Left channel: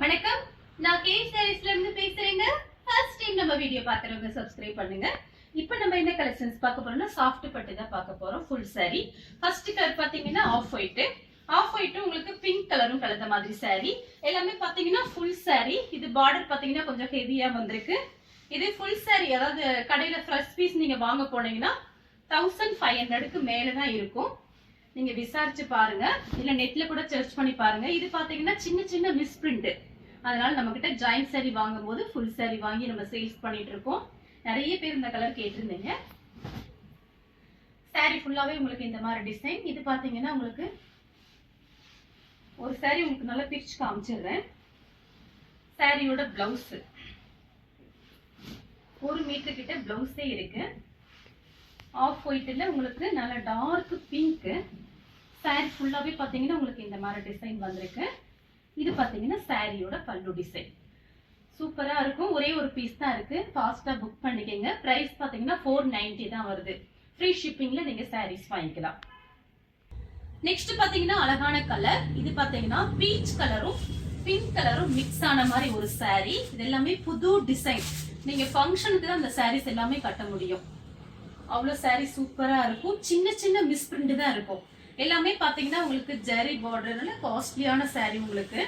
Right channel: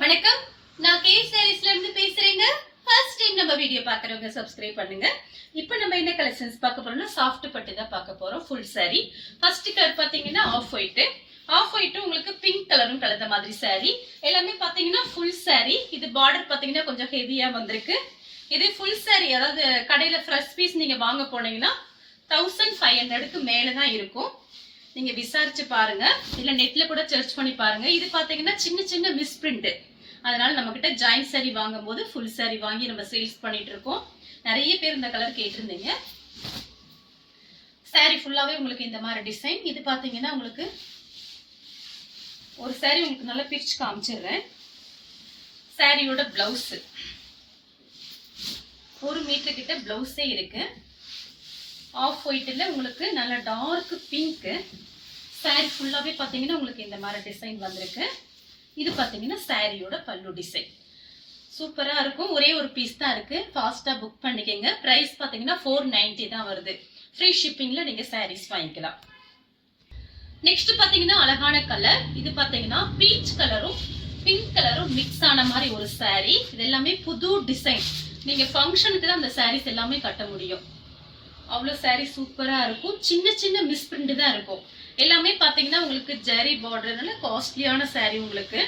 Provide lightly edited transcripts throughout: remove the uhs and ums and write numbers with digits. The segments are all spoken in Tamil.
வணக்கம், நான் கே சாரீஸ்ல இருந்து பேசுறேங்க. ஃபர்ஸ்ட் டைம் நம்ம வீடியோ பார்க்கறவங்க சப்ஸ்கிரைப் பண்ணுங்க. இப்போ நம்ம என்ன கலெக்ஷன்ஸ் பார்க்க போறோம்னா சாஃப்ட் பட்டு தான் பார்க்க போறோம். Full saree. ஃபர்ஸ்ட் கலர் பாத்தீங்கன்னா ஆஃப் ஒயிட். ஆஃப் ஒயிட் உங்களுக்கு பிங்க் கலரும் கலந்த மாதிரி saree. எல்லாமே பாத்தீங்கன்னா ஃபுல் saree. இது பார்டர் பாத்தீங்கன்னா கொஞ்சம் ஹெவியா வந்திருக்கு. இது ஃபுல் saree, அதாவது கடையில ஃப்ரெஷ் பீஸ் நீங்க வாங்க போனீங்கன்னா 1500க்கு மேல தான் இருக்கும். நீங்க விசாரிச்சு பாருங்க, இல்ல நெட்ல கூட சர்ச் பண்ணி பாருங்க. இது பாத்தீங்கன்னா சின்ன சின்ன மிஸ்பிரிண்ட். அதனால நம்ம கிட்ட ஜாயிண்ட் saree வாங்கும் போது ஃபுல் saree வாங்கி நம்ம சேல்ஸ் பண்ணிட்டு இருக்கோம். நிறைய பேர் இந்த கலர் கேட்டிருந்தீங்க. saree ஃபுல்லாவே உங்களுக்கு இந்த மாதிரி டிசைன். இது பாத்தீங்கன்னா உங்களுக்கு ஒரு saree உங்களுக்கு நல்லா பிரிச்சு காமிச்சிடுறேன். சாரியோட பிளவுஸ் 1 மீட்டர் கிட்ட பிளவுஸே இருக்கு. ஆஃப் ஒயிட்ல உங்களுக்கு நல்ல டார்க் பிங்க். saree ஃபுல்லாவே பாத்தீங்கன்னா உங்களுக்கு இந்த மாதிரி டிசைன் வந்திருக்கு. இது பாத்தீங்கன்னா சாரியோட பல்லு டிசைன். சூப்பரா இருக்கும். ஒரே ஒரு பீஸ் தான் இருக்கு. ஃபாஸ்டா புக் பண்ணிக்கங்க. பிரைஸ் பாத்தீங்கன்னா 490 தான் வருது. ஃப்ரீ ஷிப்பிங்ல நீங்க sarees வாங்கிக்கலாம். நெக்ஸ்ட் பாத்தீங்கன்னா அழகான கலர். இது பாத்தீங்கன்னா பீச் கலரும் பிங்க் கலரும் மிக்ஸ் ஆன மாதிரி ஒரு saree. இது எல்லாமே புது டிசைன். நீங்க ஃபங்க்ஷனுக்கு தான் அந்த sarees எல்லாமே கட்ட முடியும். அவ்வளோ saree சூப்பரா இருக்கும். சின்ன சின்ன மிஸ்பிரிண்ட் தான் இருக்கும். எல்லாமே பாத்தீங்கன்னா உங்களுக்கு ஜெரி பார்டர்னால காஸ்ட்லியான saree. உங்களுக்கு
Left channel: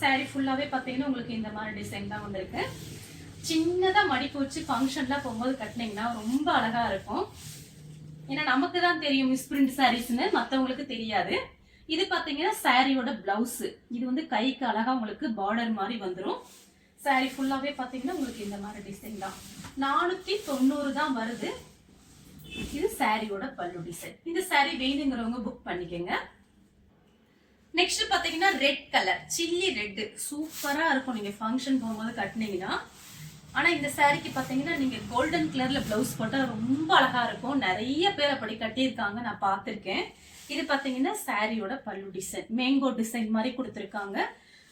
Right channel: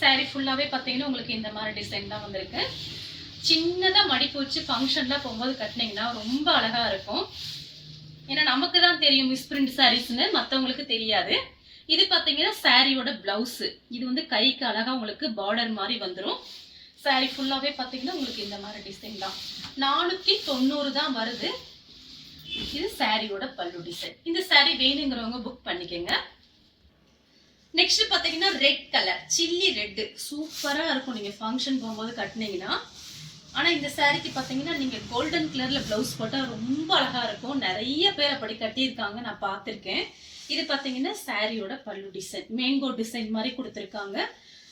saree ஃபுல்லாவே பாத்தீங்கன்னா உங்களுக்கு இந்த மாதிரி டிசைன் தான் வந்திருக்கு. சின்னதா மடிப்பு வச்சு ஃபங்க்ஷன்ல போகும்போது கட்டினீங்கன்னா ரொம்ப அழகா இருக்கும். ஏன்னா நமக்கு தான் தெரியும் மிஸ்பிரிண்ட் சாரீஸ்னு, மற்றவங்களுக்கு தெரியாது. இது பாத்தீங்கன்னா சாரியோட பிளவுஸ். இது வந்து கைக்கு அழகா உங்களுக்கு பார்டர் மாதிரி வந்துடும். saree ஃபுல்லாவே பாத்தீங்கன்னா உங்களுக்கு இந்த மாதிரி டிசைன் தான். 490 தான் வருது. இது சாரியோட பல்லு டிசைன். இந்த saree வேணுங்கிறவங்க புக் பண்ணிக்கங்க. நெக்ஸ்ட் பாத்தீங்கன்னா ரெட் கலர், சில்லி ரெட். சூப்பரா இருக்கும் நீங்க ஃபங்க்ஷன் போகும்போது கட்டினீங்கன்னா. ஆனா இந்த சாரிக்கு பாத்தீங்கன்னா நீங்க கோல்டன் கலர்ல பிளவுஸ் போட்டா ரொம்ப அழகா இருக்கும். நிறைய பேர் அப்படி கட்டியிருக்காங்க, நான் பார்த்திருக்கேன். இது பாத்தீங்கன்னா சாரியோட பல்லு டிசைன். மேங்கோ டிசைன் மாதிரி கொடுத்துருக்காங்க.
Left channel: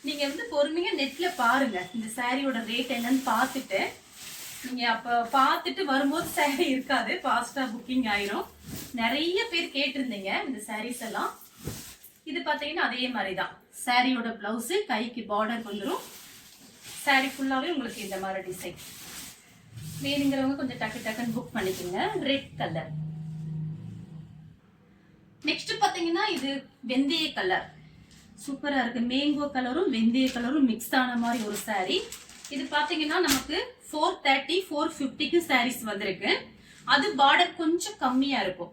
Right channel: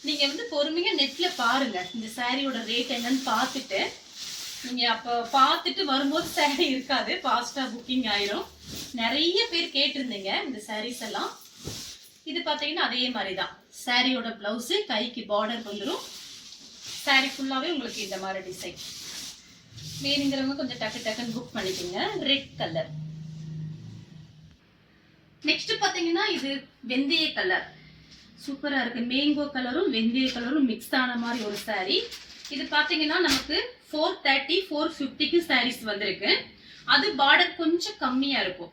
நீங்க வந்து பொறுமையா நெட்ல பாருங்க. இந்த சாரியோட ரேட் என்னன்னு பார்த்துட்டு நீங்க அப்ப பார்த்துட்டு வரும்போது saree இருக்காது, ஃபாஸ்டா புக்கிங் ஆயிரும். நிறைய பேர் கேட்டிருந்தீங்க இந்த sarees எல்லாம். இது பாத்தீங்கன்னா அதே மாதிரி தான். சாரியோட பிளவுஸ் கைக்கு பார்டர் வந்துடும். saree ஃபுல்லாவே உங்களுக்கு இந்த மாதிரி டிசைன். வேணுங்கிறவங்க கொஞ்சம் டக்கு டக்குன்னு புக் பண்ணிக்கோங்க. Red colour. நெக்ஸ்ட் பாத்தீங்கன்னா இது வெந்தய கலர். சூப்பரா இருக்கு. மேங்கோ கலரும் வெந்தய கலரும் மிக்ஸ் ஆன மாதிரி ஒரு saree. இது பாத்தீங்கன்னா நமக்கு 430 450க்கு sarees வந்திருக்கு. அது பார்டர் கொஞ்சம் கம்மியா இருக்கும்.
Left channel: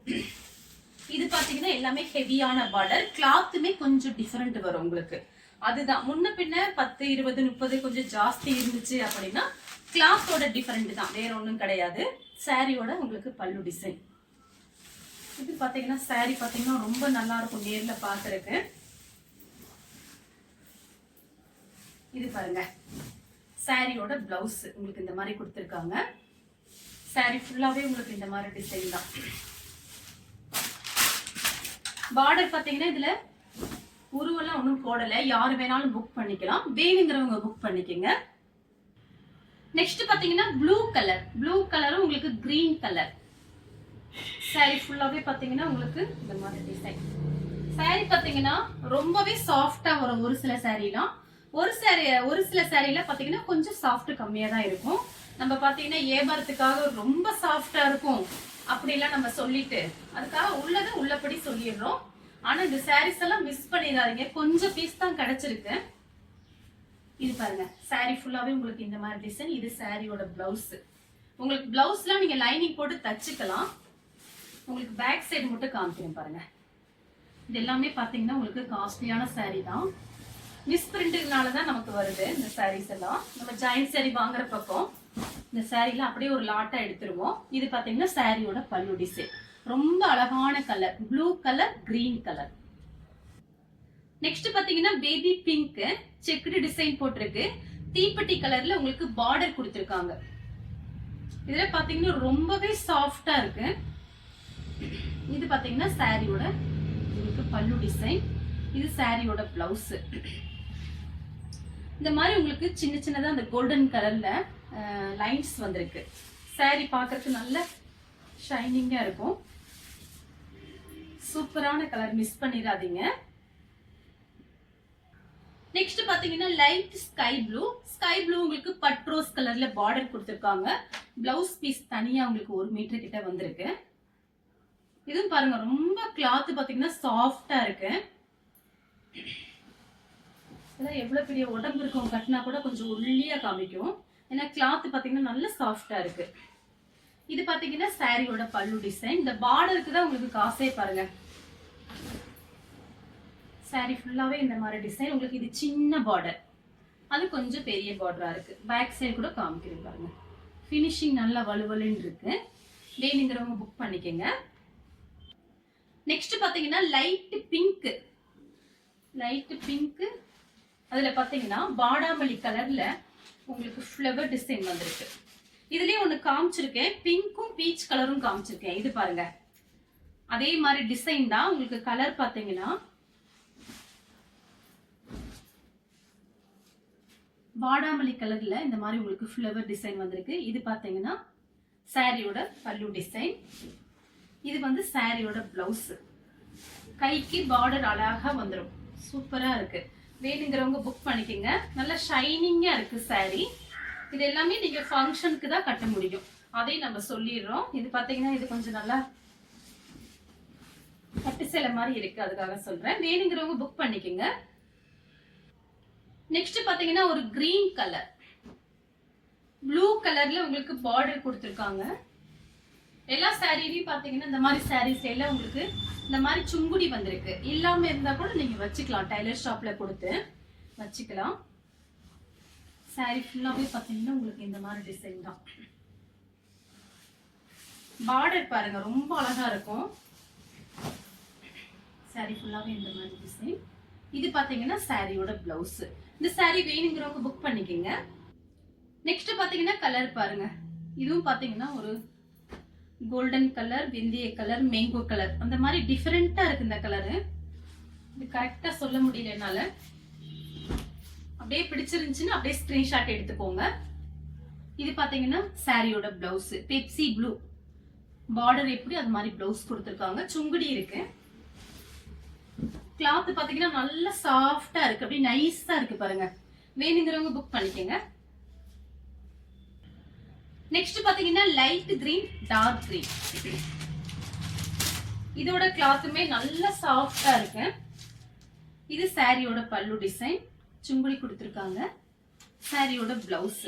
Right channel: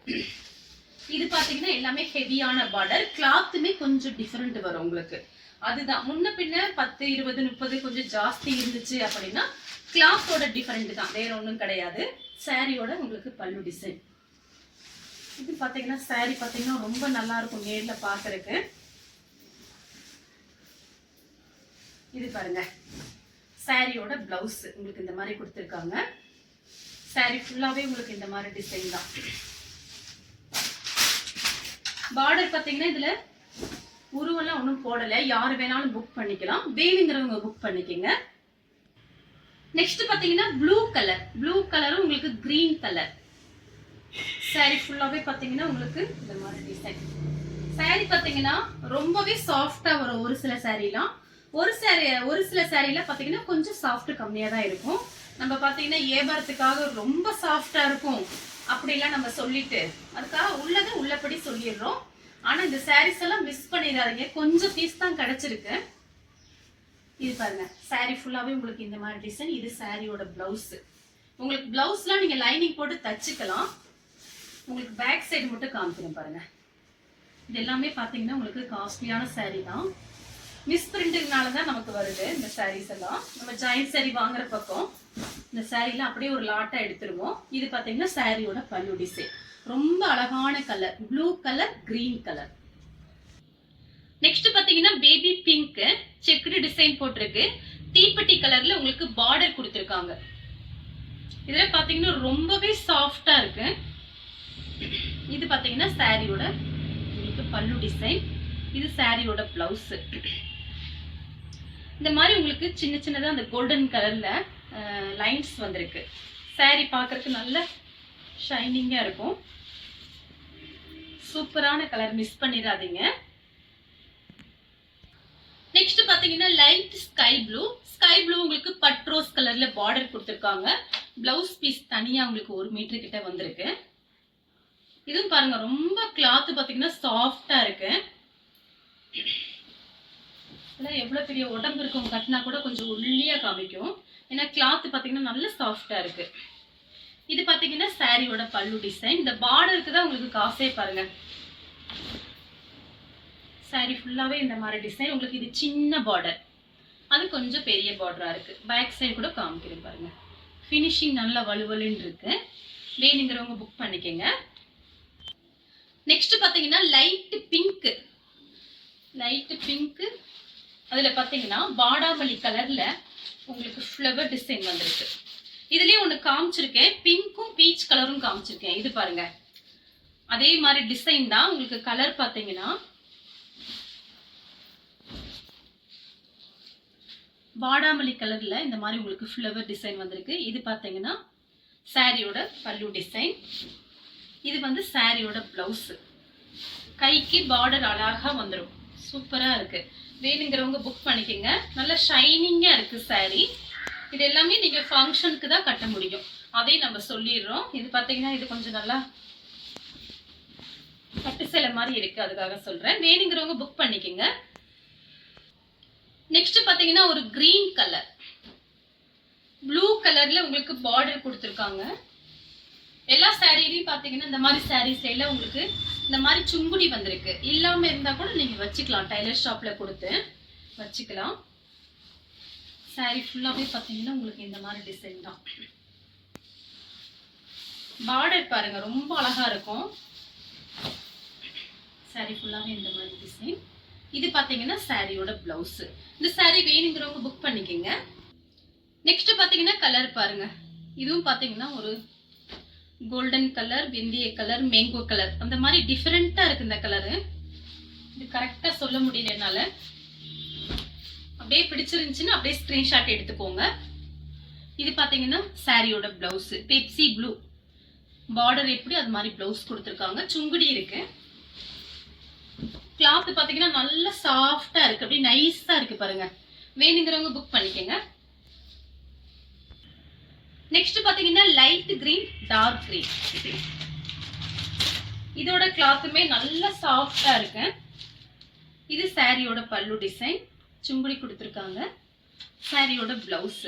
இது பாத்தீங்கன்னா எல்லாமே ஹெவியான பார்டர். கிளாத்துமே கொஞ்சம் டிஃபரெண்ட் வரும் உங்களுக்கு. அதுதான் முன்ன பின்ன 10 20 30 கொஞ்சம் ஜாஸ்தி இருந்துச்சு அப்படின்னா கிளாத்தோட டிஃபரெண்ட் தான், வேற ஒன்றும் கிடையாது. சாரியோட உங்களுக்கு பல்லு டிசைன். இது பாத்தீங்கன்னா saree பாத்தீங்கன்னா ரொம்ப நல்லா இருக்கும் நேர்ல பாக்குறதுக்கு. இது பாருங்க, சாரியோட பிளவுஸ் உங்களுக்கு இந்த மாதிரி கொடுத்துருக்காங்க. saree ஃபுல்லாவே உங்களுக்கு இந்த மாதிரி டிசைன் தான். பார்டர் பாத்தீங்கன்னா இதுல உருவெல்லாம் ஒன்றும் போடல. யாரு வேணாலும் புக் பண்ணிக்கலாம். வேணுங்கிறவங்க புக் பண்ணிக்கங்க. நெக்ஸ்ட் பாத்தீங்கன்னா ப்ளூ கலர். ப்ளூ கலரும் உங்களுக்கு கிரீன் கலர். saree ஃபுல்லாவே பாத்தீங்கன்னா உங்களுக்கு இந்த மாதிரி டிசைன். saree பாத்தீங்கன்னா ரொம்பவே சாஃப்டா வரும். ஒரு சில சாரீலாம் ஒரு சில சாரீல பாத்தீங்கன்னா கொஞ்சம் சாஃப்ட் கம்மியா தான் இருக்கும். நம்ம பாத்தீங்கன்னா ஏபாரத்துக்காக ரொம்ப சாஃப்டா இருக்கும் அப்படிலாம் நம்ம சொல்லிட்டு அதுக்காக உள்ளதை உள்ளபடி சொல்லிடுறோம். ஆனா இந்த sarees எல்லாம் மிஸ் பண்ணிடாதீங்க. கொஞ்சம் பீஸ் தான் கிடைச்சிருக்கு. இது பாருங்க, saree ஃபுல்லாவே உங்களுக்கு இந்த மாதிரி டிசைன். இது சாரியோட பிளவுஸ். உங்களுக்கு பிளவுஸ்லாம் நீங்க லைனிங் போட்டு தச்சுக்கலாம். உங்களுக்கு பேக் சைடு மட்டும் காமிக்கிறேன் பாருங்க. இது எல்லாமே பாத்தீங்கன்னா உங்களுக்கு காஸ்ட்லியான saree தான். மிஸ் பிரிண்ட்னால தான் நமக்கு வருது இந்த sarees எல்லாம். நம்ம ஜாயிண்ட் saree வாங்குற பக்கம் இந்த சாரீல அப்படியே ஒரு லாட்டா எடுத்துருவோம். இது பாத்தீங்கன்னா சாரியோட பல்லு டிசைன். ரொம்ப அழகான colour, blue colour green colour. Next பாத்தீங்கன்னா பேபி பிங்க் செக்குடு டிசைன் போட்டிருக்கு. தீப்பெட்டி கலர்ல உங்களுக்கு பார்டர் கொடுத்துருக்காங்க. இதுல பாத்தீங்கன்னா ரொம்பவே சாஃப்டா இருக்கு. இது பாத்தீங்கன்னா சாரியோட உங்களுக்கு பல்லு டிசைன். இது சாரியோட பிளவுஸ். இந்த மாதிரி உங்களுக்கு சின்ன சின்னதா அந்த கோல்டன் கலர்ல லைன்ஸ் வந்திருக்கு. saree பார்க்கறதுக்கு நல்ல ஷைனிங்கா இருக்கும். சூப்பரான கலர், மிஸ் பண்ணிடாதீங்க. நெக்ஸ்ட் பாத்தீங்கன்னா light sky blue. Sky blue உங்களுக்கு பட்ரோஸ் கலர்ல பார்டர் கொடுத்துருக்காங்க. பிளவுஸ் பீஸ் தனியா உங்களுக்கு 1 மீட்டர் கிட்ட வந்திருக்கு. இதுவும் பாருங்க ரொம்ப கிளாத் பாத்தீங்கன்னா சாஃப்டா இருக்கு. இதெல்லாம் எவ்வளவு பெரிய உடம்பு இருக்கும் கட்டினா கூட கொஞ்சம் ஒல்லியா காமிக்கும். ஏன்னா கிளாத் பாத்தீங்கன்னா நல்ல சாஃப்டா இருக்கு. இது பாத்தீங்கன்னா சாரியோட பல்லு டிசைன். இந்த பார்டருக்கு தான் உங்களுக்கு காசே பாருங்க. சாரி ஃபுல்லாவே இந்த மாதிரி டிசைன். உங்களுக்கு இது சின்ன பார்டர், அது கொஞ்சம் பெரிய பார்டரா இருக்கு. பேக் சைடு கூட காமிக்கிறேன் பாருங்க. ஃபினிஷிங் நல்லா வலுவலுன்னு இருக்கு. வேணுங்கிறவங்க புக் பண்ணிக்கங்க. நெக்ஸ்ட் பாத்தீங்கன்னா லைட் பிங்க். லைட் பிங்க் அதுல பாத்தீங்கன்னா பாடாமல்லி கலர்ல உங்களுக்கு ஃப்ளவர் டிசைன் வந்திருக்கு. இதுலயே ஒண்ணு காமிச்சிருக்கேன், பிங்க்கும் பீச் கலரும் காமிச்சிருக்கேன். இது பாருங்க அதே மாதிரி டிசைன் தான். உங்களுக்கு கலர் பாத்தீங்கன்னா வாடாமல்லி கலர்ல இந்த மாதிரி உங்களுக்கு ஃப்ளவர் டிசைன் வந்திருக்கு. இது பாத்தீங்கன்னா சாரியோட பல்லு டிசைன். இது வந்து சாரியோட பிளவுஸ். கைக்கு பார்டர் அழகா வந்துடும். சூப்பரா இருக்கு. வேணுங்கிறவங்க புக் பண்ணிக்கோங்க. நல்லா ஷைனிங்கா இருக்கு சாரி. இது எல்லாமே நீங்க ஃபங்க்ஷனுக்கு தான் கட்ட முடியும், அதையும் நம்ம சொல்லிடுறோம். இது பாத்தீங்கன்னா இது கொஞ்சம் நல்லா பட்டு சேலை மாதிரி இருக்கு, அதுக்காக சொல்றேன். வேணுங்கிறவங்க புக் பண்ணிக்கோங்க. நெக்ஸ்ட் பாத்தீங்கன்னா ஒரு கிரீன் கலர், ப்ளூ கலர்ல உங்களுக்கு பார்டர் கொடுத்துருக்காங்க. எல்லா சாரிலையும் பாத்தீங்கன்னா இந்த மாதிரி சாரீஸ்ல எல்லாம் உங்களுக்கு இந்த மாதிரி சுங்குடி வந்திருக்கு. இல்லாம இருந்தா கூட நீங்க வச்சுக்கலாம், டைலர் ஷாப்ல கொடுத்து வச்சுக்கலாம். சாரி ஃபுல்லாவே பாத்தீங்கன்னா உங்களுக்கு இந்த மாதிரி டிசைன் தான். பார்டர் பாருங்க ரொம்ப அழகா இருக்கும். சாரி ஃபுல்லாவே இந்த மாதிரி டிசைன். இது பாத்தீங்கன்னா சாரியோட பிளவுஸ். இந்த சாரி வேணுங்கிறவங்க புக் பண்ணிக்கோங்க. நெக்ஸ்ட் பாத்தீங்கன்னா கலர் பாருங்க. இதுவும் பாத்தீங்கன்னா ஒரு கோல்டன் கலர், வெந்தய கலர், மேங்கோ கலர், அந்த மாதிரி டிஃபரெண்டா இருக்கு இந்த கலரு. இது கரெக்டா சொல்ல முடியல என்னால. அப்படியே பிடிச்சிருந்துச்சுன்னா அப்படியே ஸ்கிரீன்ஷாட் எடுத்துக்கோங்க. இது பாத்தீங்கன்னா சாரியோட பிளவுஸ். பெப்சி ப்ளூ பார்டர் எப்படி அது மாதிரி பிளவுஸ் கொடுத்துருக்காங்க. சுங்குடி இருக்கு. கிளாத் பாத்தீங்கன்னா நல்ல சாஃப்டா இருக்கு, அப்படியே நைஸா இருக்கு பாருங்க. வேணுங்கிறவங்க புக் பண்ணிக்கோங்க. நெக்ஸ்ட் பாத்தீங்கன்னா லைட் கிரீன், டார்க் கிரீன். இதோட கிளாத்துமே நல்ல சாஃப்டா இருக்கு. இது சாரியோட பல்லு டிசைன். சுங்குடி கொடுத்துருக்காங்க. சாரியோட பிளவுஸ்.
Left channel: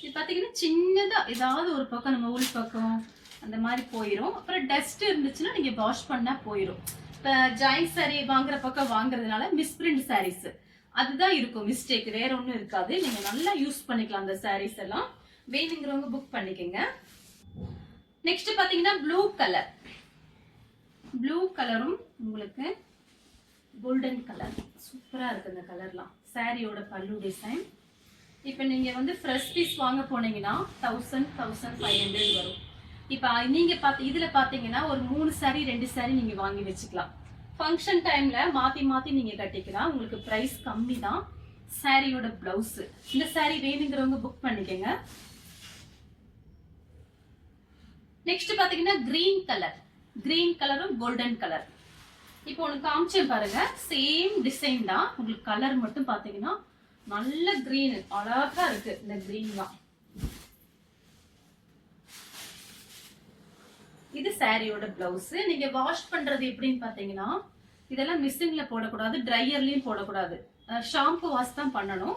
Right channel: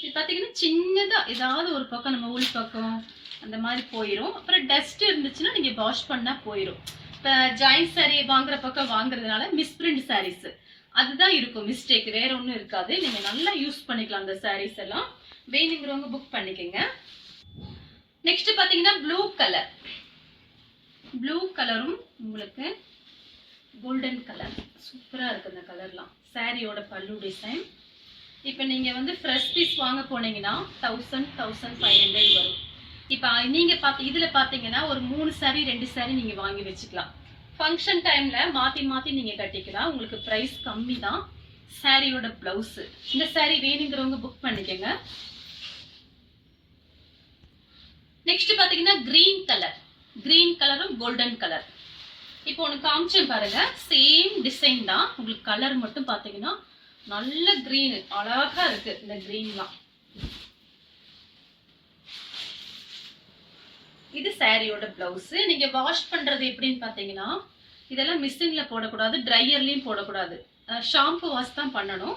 இது பாத்தீங்கன்னா சின்னதா ஏதாவது ஒரு பக்கம் நம்ம உள் பக்கம் அந்த மாதிரி போயிடும். அப்புறம் டஸ்ட் இருந்துச்சுன்னா நீங்க வாஷ் பண்ணா போயிடும். இப்போ ஜாயிண்ட் சாரி வாங்குற பக்கம் வாங்குறதுனால மிஸ்பிரிண்ட் சாரீஸ் அதுதான் இருக்கும் மிஸ்டேக், வேற ஒன்றும் இருக்காது. நீங்க நல்லா யூஸ் பண்ணிக்கலாம் அந்த சாரீஸ் எல்லாம். வேணுங்கிறவங்க புக் பண்ணிக்கோங்க. நெக்ஸ்ட் பாத்தீங்கன்னா ப்ளூ கலர். ப்ளூ கலரும் உங்களுக்கு கோல்டன் கலர் சூப்பரா இருக்கு. இந்த கலர்லாம் சாரியோட பல்லு டிசைன். இப்போ நீங்க வந்து ஃப்ரெஷ் பீஸ் வாங்க போனீங்கன்னா 1000-1500 வரும். இப்போ நீங்க இதுல பாத்தீங்கன்னா ஒரு 3 சாரி 2 சாரி நீங்க வாங்கி வச்சுக்கலாம். ஃபங்க்ஷன் டைம்ல மாத்தி மாத்தி நீங்க கட்டிக்கலாம். உங்களுக்கு பிரைஸ் கம்மி தான். சாரியோட பிளவுஸ். இந்த சாரி வேணுங்கிறவங்க புக் பண்ணிக்கோங்க. நெக்ஸ்ட் பாத்தீங்கன்னா கிரீன் கலர். கிரீன் கலரும் கோல்டன் கலர். இப்போ ஒன்று காமிச்சேன் பாருங்க, சேம் டிசைன் தான். உங்களுக்கு கலர் மட்டும் பாத்தீங்கன்னா நல்ல கிரீன், அழகா இருக்கு இந்த கிரீன்லாம். இது சாரியோட பிளவுஸ். நீங்க வாஷ் பண்றது எப்படின்னு பாத்தீங்கன்னா இதெல்லாம் மிஷின்ல போடக்கூடாது, ட்ரையர்லயும் போடக்கூடாது. ஷாம்பு வாஷ் தான் பண்ணணும்.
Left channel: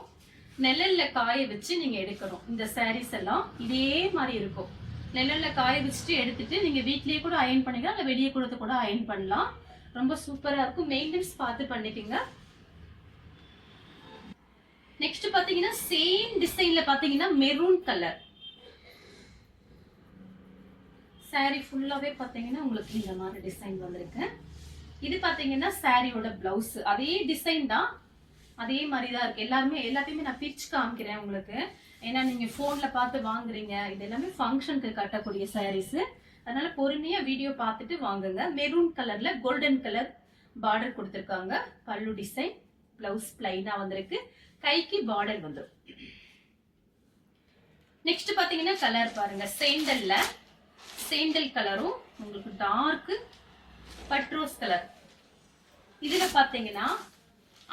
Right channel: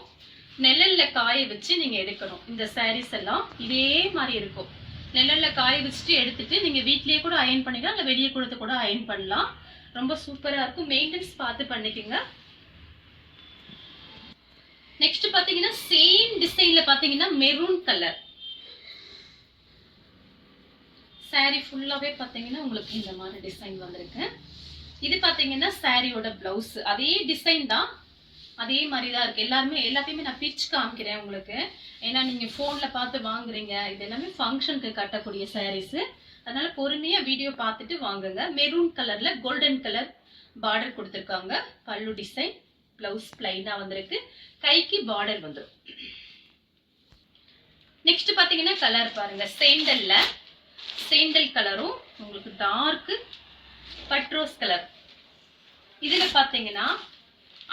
நிழல்ல காய வச்சு நீங்க எடுக்கணும். இந்த சாரீஸ் எல்லாம் இதே மாதிரி இருக்கும். நிழல்ல காய வச்சுட்டு எடுத்துட்டு நீங்க வீட்லயே கூட அயன் பண்ணிக்கலாம், இல்ல வெளியே கொடுத்து கூட அயன் பண்ணலாம். ரொம்ப சூப்பரா இருக்கும். மெயின்டெனன்ஸ் பார்த்து பண்ணிக்கோங்க. நெக்ஸ்ட் பாத்தீங்கன்னா சேம் டிசைன்ல பாத்தீங்கன்னா மெரூன் கலர். சாரி ஃபுல்லாவே பாத்தீங்கன்னா உங்களுக்கு இந்த மாதிரி டிசைன் வந்திருக்கு. இது பாத்தீங்கன்னா சாரியோட பிளவுஸ். அதே டிசைன் தான், அதே மாதிரி தான் இருக்கு. எல்லாத்தையுமே நான் பிரிச்சு காமிக்கிறேன் உங்களுக்கு. ஏன்னா நீங்க போன்ல பார்த்து வாங்குறீங்க. இது எல்லாமே ஃபங்க்ஷனுக்கு கட்டக்கூடிய சாரீஸ். அதனால பொறுமையா வீடியோ பார்த்துட்டு வாங்குங்க. மெரூன் கலர்ல கோல்டன் கலர் பார்டர் கொடுத்துருக்காங்க. பல்லு டிசைன், பிளவுஸ் பிளைனா வந்திருக்கு. கைக்கு பார்டர் வந்துடும். நெக்ஸ்ட் பாத்தீங்கன்னா கலர் பாருங்க. சேண்டல் கலரும் உங்களுக்கு டார்க் பட்ரோஸ் கலர். இதுல பாத்தீங்கன்னா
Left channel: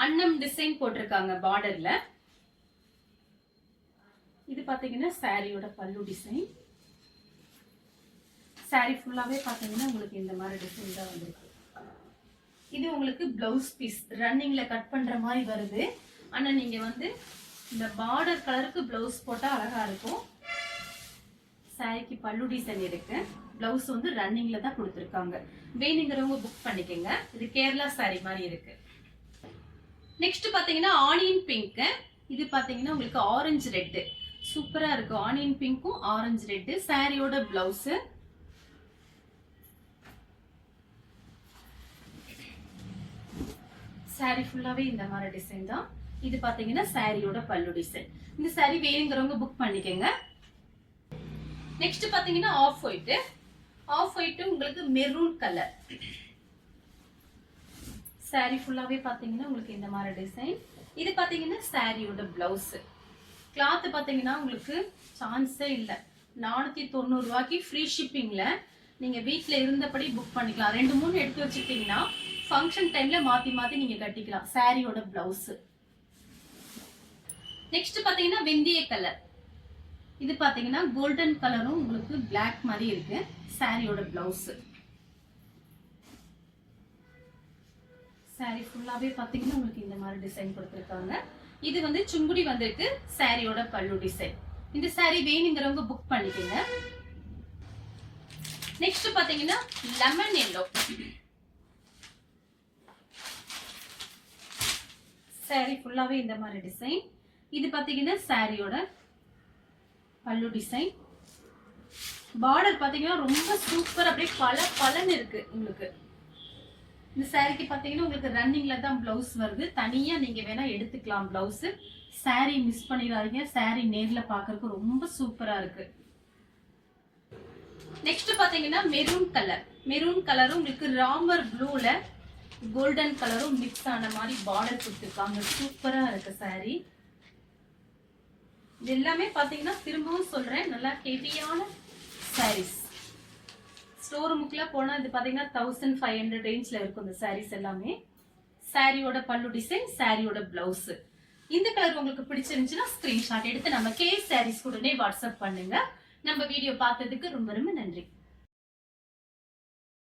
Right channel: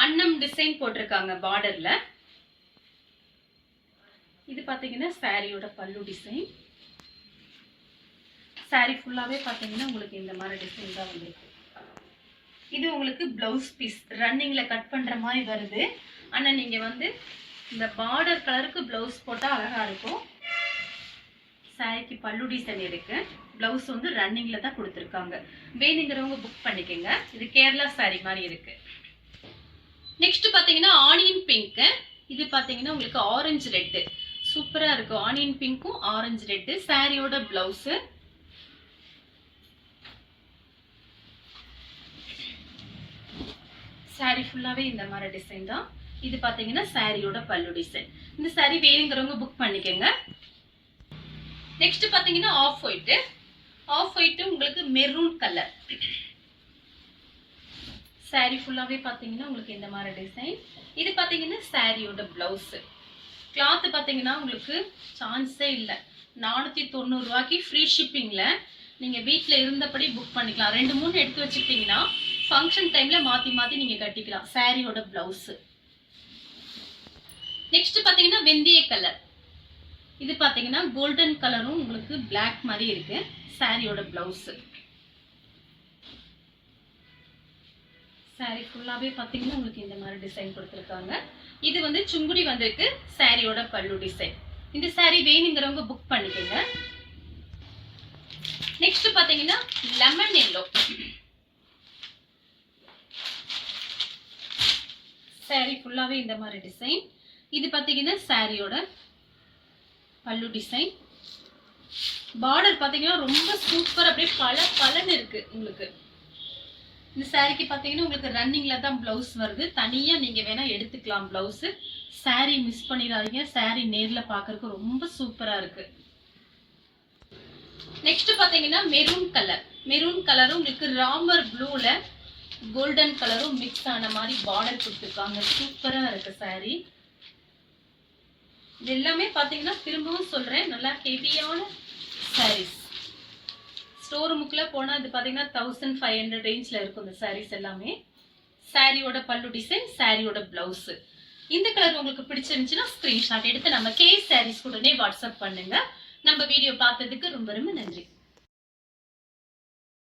அன்னம் டிசைன் போட்டிருக்காங்க பார்டர்ல. இது பாத்தீங்கன்னா சாரியோட பல்லு டிசைன். சாரி ஃபுல்லாவே பாத்தீங்கன்னா உங்களுக்கு இந்த மாதிரி டிசைன் தான் வந்திருக்கு. இது உங்களுக்கு பிளவுஸ் பீஸ் ரன்னிங்ல கட் பண்ற மாதிரி வருது. ஆனா நீங்க வந்து இந்த பார்டர் கலருக்கு பிளவுஸ் போட்டா அழகா இருக்கும். சாரிக்கு பல்லு டிசைன் இருக்கு. பிளவுஸ் வந்து ரன்னிங்ல தான் கொடுத்துருக்காங்க. வேணுங்கிறவங்க புக் பண்ணிக்கோங்க. இது கேரளா சாரி மாதிரி இருக்கு. நெக்ஸ்ட் பாத்தீங்கன்னா ஆனியன் பிங்க். இது பாத்தீங்கன்னா உங்களுக்கு ஆரஞ்சு ரெட். சூப்பரா இருக்கு. ஆனியன் பிங்க்கும் ஆரஞ்சு ரெட். சாரியோட பிளவுஸ். சாரி ஃபுல்லாவே இந்த மாதிரி டிசைன் தான். இது பாத்தீங்கன்னா சாரியோட பல்லு டிசைன். இந்த சாரி வேணுங்கிறவங்க புக் பண்ணிக்கோங்க. நெக்ஸ்ட் பாத்தீங்கன்னா ஆஃப் ஒயிட். ஆஃப் ஒயிட் உங்களுக்கு மெரூன் கலர். சாரி ஃபுல்லாவே பாத்தீங்கன்னா உங்களுக்கு இந்த மாதிரி டிசைன். இது பாத்தீங்கன்னா சாரியோட பிளவுஸ். கிளாத் பாத்தீங்கன்னா உங்களுக்கு சான்ஸே இல்லை. 490 ரூபாய்க்கு ஃப்ரீ ஷிப்பிங்ல நீங்க வீட்ல இருந்தபடி புக் பண்ணிக்கலாம். 2-3 எடுத்து வச்சுக்கிட்டீங்கன்னா ஃபங்க்ஷன் டைம்ல மாத்தி மாத்தி நீங்க கட்டிக்கலாம். சாரியோட பிளவுஸ். நெக்ஸ்ட் பாத்தீங்கன்னா வெந்தய கலர். இது பாத்தீங்கன்னா கோல்டன் கலரும் உங்களுக்கு பிளாக் மாதிரி இருக்கு. சாரியோட பிளவுஸ். சாரி ஃபுல்லாவே பாத்தீங்கன்னா உங்களுக்கு இந்த மாதிரி டிசைன் கொடுத்துருக்காங்க. இது வந்து சுங்குடி வந்திருக்கு. சாரியோட பல்லு டிசைன். இந்த சாரி வேணுங்கிறவங்க புக் பண்ணிக்கோங்க. நெக்ஸ்ட் பாத்தீங்கன்னா லெமன் எல்லோ. சாரி ஃபுல்லாவே இந்த மாதிரி டிசைன். இது பாத்தீங்கன்னா சாரியோட பல்லு டிசைன். பார்டர் பாத்தீங்கன்னா ரொம்ப சூப்பர். அப்படியே பலன்னு இருக்கு உங்களுக்கு. இந்த சாரிக்கு பாத்தீங்கன்னா உங்களுக்கு ரன்னிங்ல தான் பிளவுஸ் வருது. தனியா நீங்க வேணா எடுத்துக்கலாம் பிளவுஸ். சாரி மிஸ் பண்ணிடாதீங்க. சாரி நேர்ல பாக்குறதுக்கு ரொம்ப சூப்பரா இருக்கு. நெக்ஸ்ட் பாத்தீங்கன்னா மெரூன் கலர். மெரூன் கலரும் உங்களுக்கு ராமர் ப்ளூல கோல்டன் கலரும் மிக்ஸ் ஆன மாதிரி பார்டர் கொடுத்துருக்காங்க. சூப்பரா இருக்கு சாரி. இது எல்லாமே பாத்தீங்கன்னா திரும்பவும் சொல்றேன், நல்லா ஹெவியான சாரீஸ். ஸ்டோர் ரூமுக்குள்ள போனா இது பாத்தீங்கன்னா 1500 ரேஞ்ச்ல இருக்கும் இந்த சாரீஸ் எல்லாமே. சாரியோட பல்லு டிசைன், சாரியோட பிளவுஸ். இந்த கலர் உங்களுக்கு பிடிச்சிருந்துச்சுன்னா ஸ்கிரீன்ஷாட் எடுத்து நம்ம கே சாரீஸ் உடனே வாட்ஸ்அப் பண்ணுங்க. நம்ம வீடியோ பார்த்ததுக்கு ரொம்ப ரொம்ப நன்றி.